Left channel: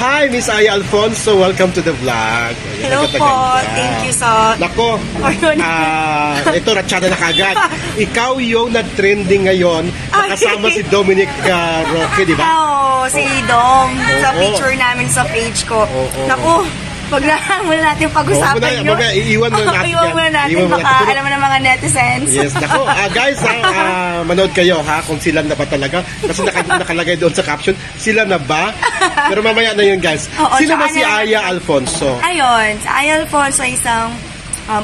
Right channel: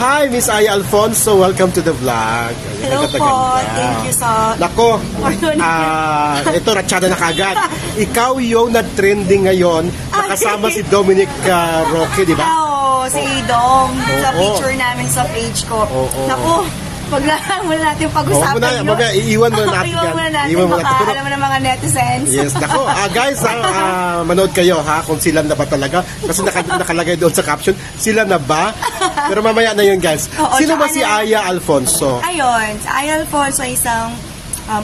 Hi, Miss Aya Alfonso. Welcome to the vlog. Hello po. Thank you sa... Nako, ito, ratsyada na kagad. Ikaw yung na-trending ngayon. Nakasama si Dominic Roque, di ba? Oo, si Dom. Sa picture namin sa page ko. Naku, wag na muna natin pag-usapan nyo. Iiwan muna natin. Iiwan muna natin. Baka alam mo ng mga netizens. Yes, nako. Guys, manood kayo ha kung sila na ba talaga. Kasi nakalagay doon sa caption, sila na ba? Pero mamaya na yun, guys. Sino ba si Aya Alfonso? Ayun, si Aya Alfonso isang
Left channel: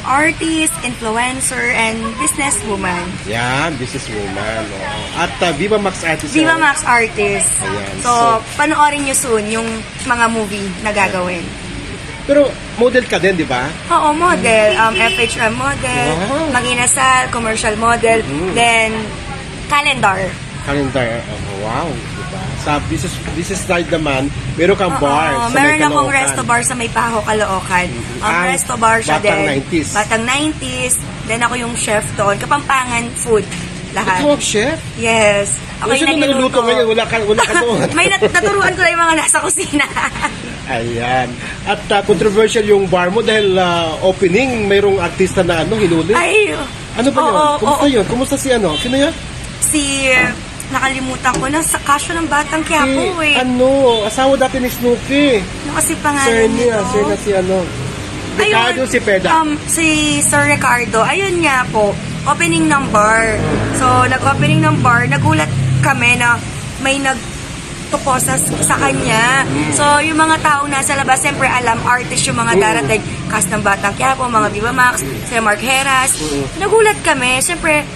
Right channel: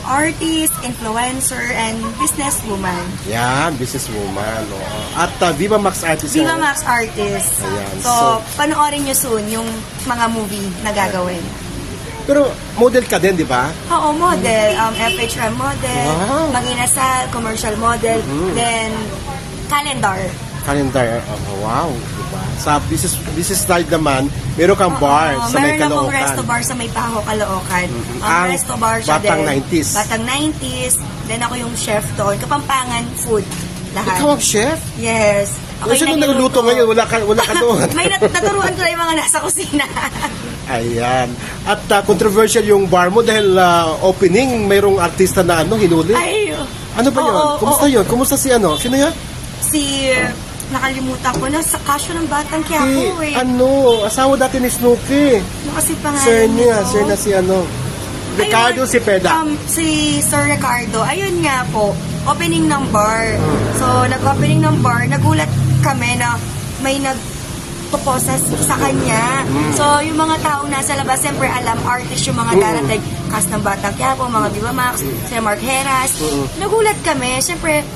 artist, influencer, and businesswoman. Yan, businesswoman. At Viva Max Artist. Viva Max Artist. Ayan. So, panoorin nyo soon yung mga movie na gagawin. Pero model ka din, di ba? Oo, model. FHM model, Mag-inasal, commercial model, then calendar. Calendar, wow. Sa business side naman, meron kang bar sa meron may akong Caloocan. resto bar sa may Paho, Caloocan. Resto bar siya din. Batang 90s. Batang 90s. Then ako yung chef doon. Kapampangan food. Lahat. Ikaw ang chef? Yes. Ako Kasi kung naluluto ngayon, wala ka doon. May naturuan ko lang yung mga nasa kusina. Ayan. At controversial yung bar mo dahil opening, mayroong artista na hinuli. Ay, ano ba yun? Kumusta yun? Kumusta si ano? Sino yun? Nakalimutan ko na sa kasyo ng Batang Quiapo asawa dati ni Snooki. Ano kasi pangalan nito? Sir na si Ricardo si Peda. Si Sir Ricardo, ayun nga po, opening ng bar. So, nag-opening ng bar, nagulat kami na may nagtuko sa kanya. So, yung mga tao nasa labas, siyempre alam, artist yung mga darating, cast ng Batang Quiapo, mga Viva Max, si Mark Heras. Nagulat kami, siyempre,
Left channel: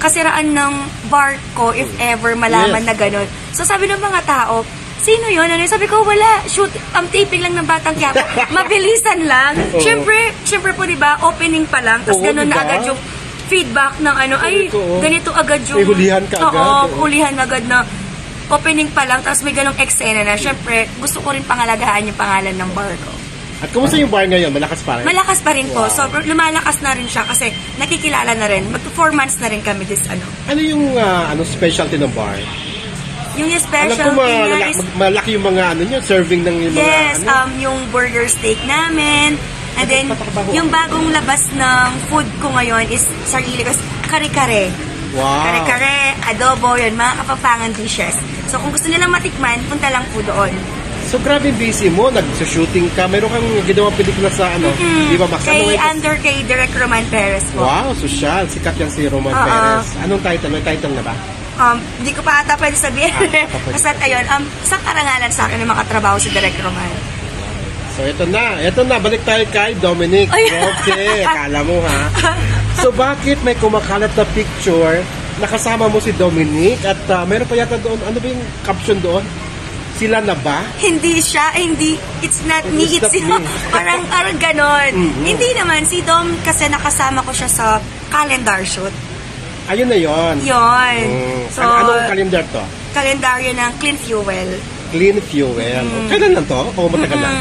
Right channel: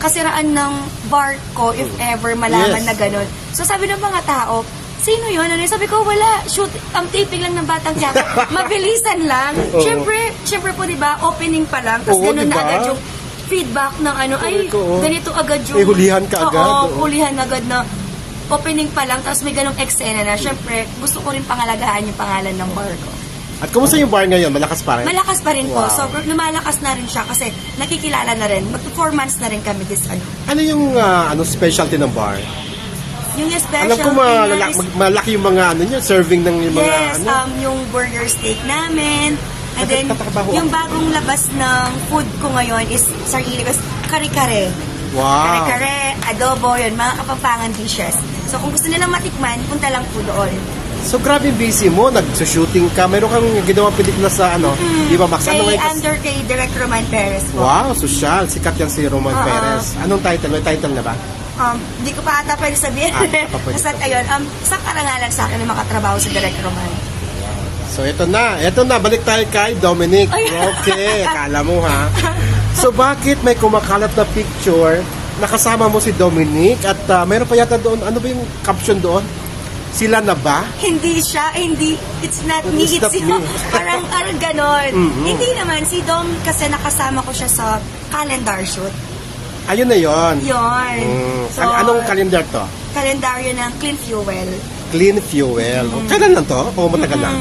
kasiraan ng bar ko if ever malaman na gano'n. So sabi ng mga tao, sino yun? Sabi ko, wala. Shoot, ang taping lang ng Batang Quiapo. Mabilisan lang. Siyempre po, diba, opening pa lang. Tapos gano'n na agad yung feedback ng ganito agad yung... hulihan ka agad. Oo, hulihan agad na opening pa lang. Tapos may ganong eksena na. Siyempre, gusto ko rin pangalagaan yung pangalan ng bar ko. At kumusta yung bar ngayon? Malakas pa rin? Malakas pa rin po. So, lumalakas na rin siya kasi nakikilala na rin. Mag-4 months na rin kami this Ano yung specialty ng bar? Yung specialty niya is... malaki yung mga serving ng yung mga... Yes, yung burger steak namin. And then, yung bagong labas ng food ko ngayon is sarili kasi kare-kare. Wow. Kare-kare, adobo, yun, mga kapampangan dishes. So, kung gusto nilang matikman, punta lang po doon. So, grabe busy mo. Nag-shooting ka. Meron kang ginawang pelikula sa Viva Max. Kay Direct Roman Perez po. Wow, social. Sikat yan si Roman Perez. Anong title? May title na ba? Hindi ko pa ata pwede sabihin. Kasi ayun, sa karangalan sa akin na makatrabaho sa Direct Roman. So, ito na. Balik tayo kay Dominic. Okay, akala mo ha. So, bakit may kumakalat na picture nakasama mo si Dominic at meron pa yata doon, ano ba yung caption doon? Sila na ba? Hindi siya, it's not me, it's you. Parang ganon. Hindi naman, si Dom kasi nakasama ko siya sa calendar shoot. Ayun na yun. Yun. So, anong calendar to? Calendar yun ng Clean Fuel. Clean Fuel. Kailan lang to? O matagal lang?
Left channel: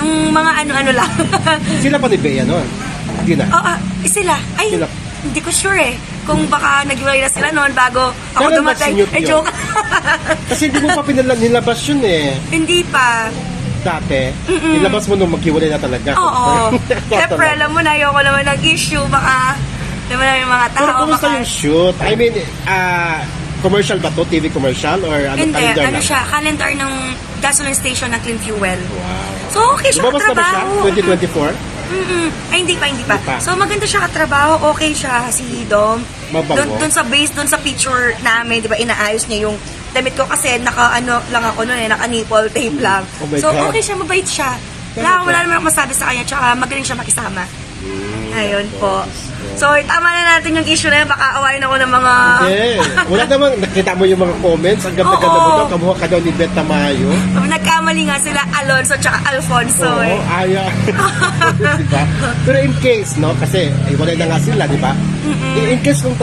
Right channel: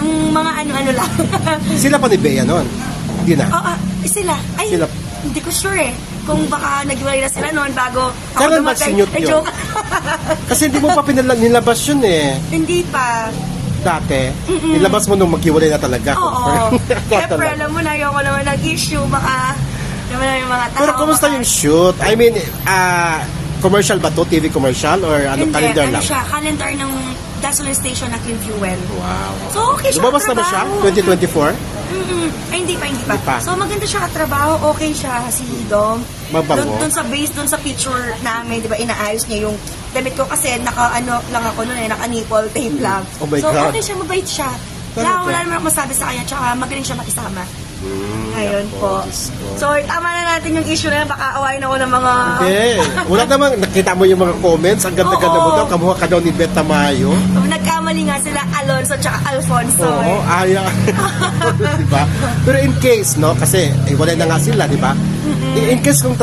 Nung mga ano lang. Sila pa ni Bea nun? Hindi na? Sila. Ay, hindi ko sure kung baka naghiwalay na sila noon bago ako dumating. Joke. Kasi hindi mo pa nilabas yun Hindi pa. Dati? Nilabas mo nung maghiwalay na talaga? Oo. Siyempre, alam mo na, ayoko naman nag-issue. Baka, naman na yung mga tao. Pero kumusta yung shoot? I mean, commercial ba to? TV commercial? Or calendar lang? Siya, calendar ng gasoline station na Clean Fuel. Wow. So, okay siya Lumabas katrabaho. na ba siya? 2024? Hindi pa. So, maganda siya katrabaho. Okay siya, si Dom. Doon sa picture namin, di ba, inaayos niya yung damit ko kasi lang ako noon naka-nipple tape lang. So, okay siya, mabait siya. Wala naman ako masabi sa kanya, tsaka magaling siya makisama. Ayun po. So, tama na natin yung issue na yun. Baka awayin ako ng mga... Wala naman. Nakita mo yung mga comments. Ang ganda-ganda. Kamuha ka daw ni Beth Tamayo. Nagkamali nga sila Alonso tsaka Alfonso. Oo, Aya. Diba? Pero in case, no? Kasi, wala na nga sila, di ba? In case kung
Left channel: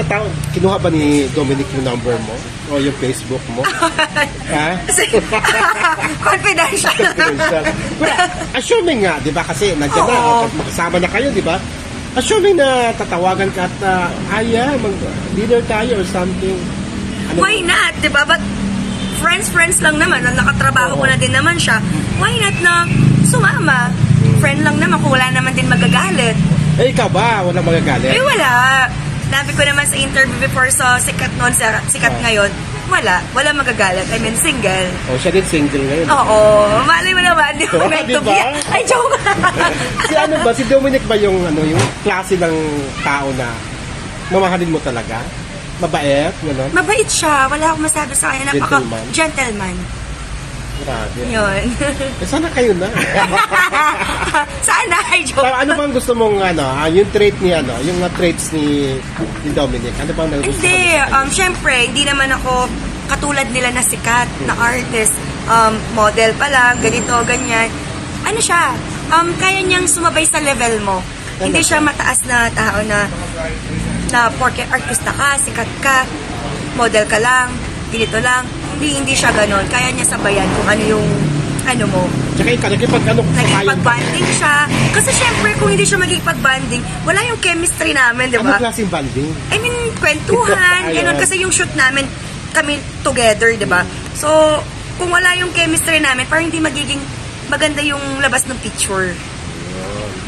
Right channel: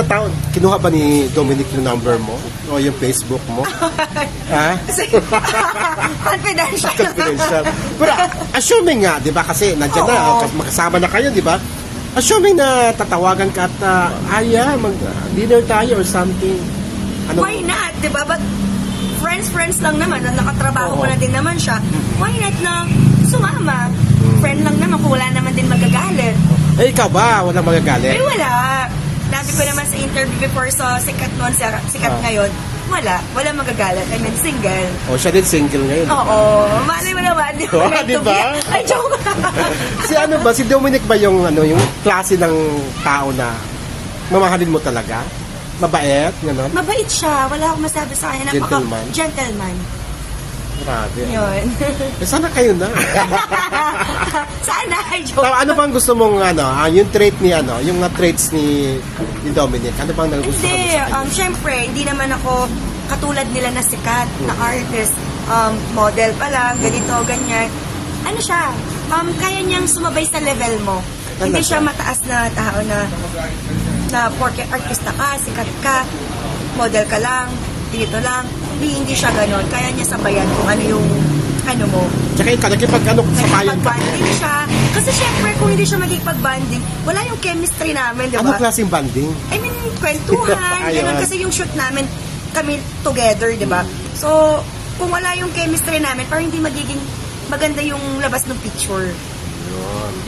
kinuha ba ni Dominic yung number mo? O yung Facebook mo? Ha? Confidential. Pero, assuming nga, di ba? Kasi, nandiyan na. Magkasama na kayo, di ba? Assuming na tatawagan ka at mag-dinner tayo or something. Why not? Diba? But friends lang naman. Nakatrabaho ko na din naman siya. Why na sumama. Friend lang naman kung wala naman din magagalit. Eh, ikaw ba? Walang magagalit? Eh, wala. Sabi ko naman sa interview before sa sikat noon, sa sikat ngayon, wala magagalit. I mean, single. Siya din single ngayon. Oo. Malay mo naman, di ba? Diba? Ay, joke. Si Dominic ba yung klase ng tao na mamahalin mo talaga? Mabait? Gano'n? Mabait siya. Wala akong masabi sa kanya. Gentleman. Grabe. Yun. Sana kayo na. Sana, ay joke. Ano bang gusto mong, yung trait ni, yung traits ni Dominic? Ano bang nagustuhan? Hindi. Siyempre, hindi naman ako katulad nila na sikat, na artist, model pa lang, ganito, ganyan. Ano siya? Kaya niyang sumabay sa level mo. Hindi siya mataas na tao na porke artista ka, sikat ka, model ka lang, ganito lang. Hindi siya ganon. Kaya niya sabayan kung ano yung mo. Tsaka nakikipag-banding siya. Kasi syempre, kung hindi siya magkikipag-banding, wala yung chemistry namin, di ba? Ano klaseng banding? I mean, kwentuhan, gano'n. Kasi yung shoot namin, kami together, di ba? So, kung wala yung chemistry namin, parang hindi magiging maganda yung labas ng picture.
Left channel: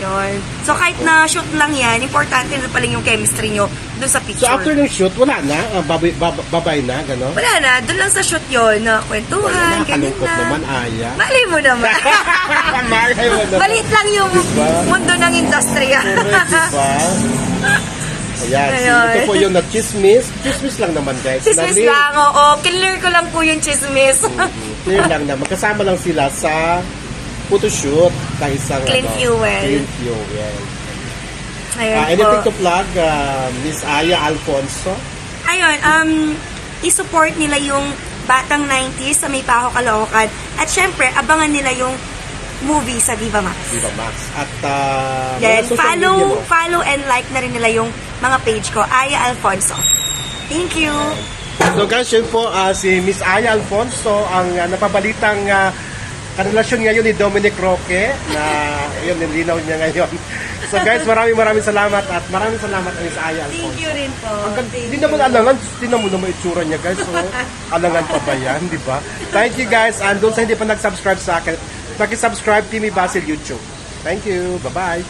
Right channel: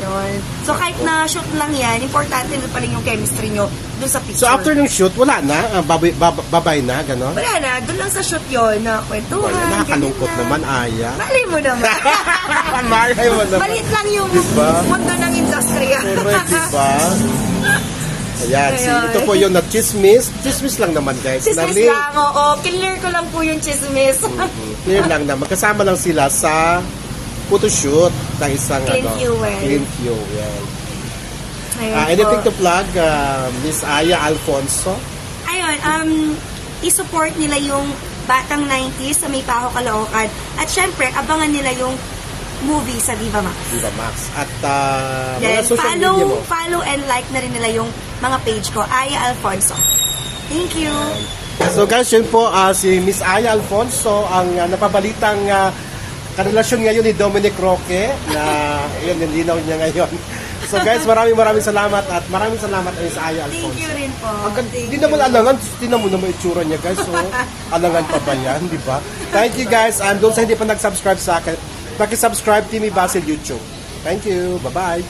Yun. So, kahit na shoot lang yan, importante na pala yung chemistry nyo dun sa picture. So, after ng shoot, wala na? Babay na, gano'n? Wala na. Dun lang sa shoot yun, na kwentuhan, nakakalungkot naman, Aya. Malay mo naman. Malay mo naman. Maliit lang yung mundo ng industry. Diba? Ayan, ito po yung na-chismis. Chismis lang naman, guys. Chismis lang, oo. Clear ko lang po yung chismis. Clear lang naman. Kasama lang sila sa photoshoot na isang Clean Fuel. Anything to plug, Miss Aya Alfonso? Ayun, i-support nila yung Batang 90s sa May Paho, Caloocan. At syempre, abangan nila yung movie sa Viva Max. Viva Max. At follow and like na rin nila yung mga page ko, Aya Alfonso. Thank you! So guys, yun po si Miss Aya Alfonso, ang napabalitang karelasyon ngayon ni Dominic Roque na yun, nilinaw niya ngayon. So guys, maraming salamat at maraming salamat Miss Aya Alfonso. Thank you rin po. Hindi naman alangan, tingnan mo naman itsura niya guys. So, alangan pa ba yan, di ba? Thank you guys, and doon sa hindi pa nag-subscribe sa akin, paki-subscribe Timmy Basil YouTube. Thank you, bye-bye.